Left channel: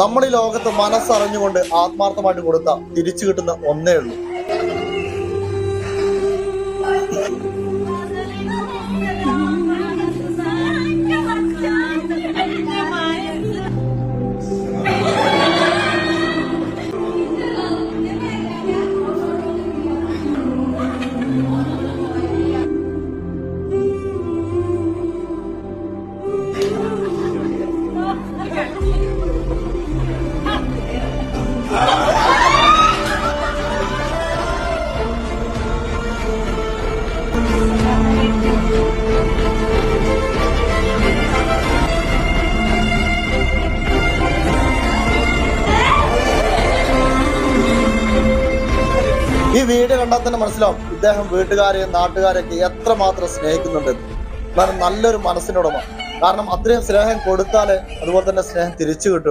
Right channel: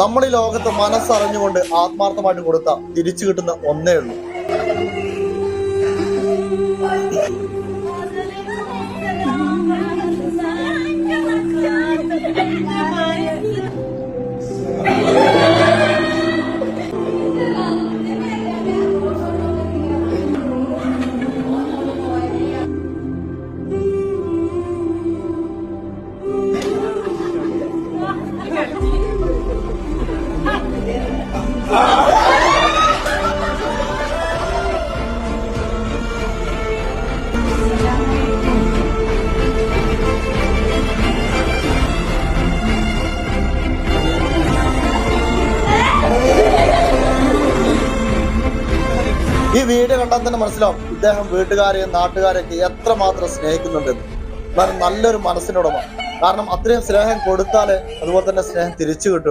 നമ്മൾ ഈ ലോകത്ത് മനസ്സറിഞ്ഞുകൊണ്ട് ആത്മാർത്ഥമായിട്ട് കൊടുത്ത തിരിച്ചു കിട്ടുന്ന ഒന്നേ ഉള്ളൂ. ഈ വീഡിയോ കണ്ടാൽ തന്നെ മനസ്സിലാവും ഇദ്ദേഹം വീട്ടുകാരെയും നാട്ടുകാരെയൊക്കെ എത്രമാത്രം സ്നേഹിക്കുന്നുണ്ടെന്ന്. കാരണം നല്ലൊരു മനസ്സിനുടമ. കാരണം അത്രയും സ്നേഹം കൊടുത്താലേ അതുപോലെ തന്നെ സ്നേഹം തിരിച്ചു കിട്ടും.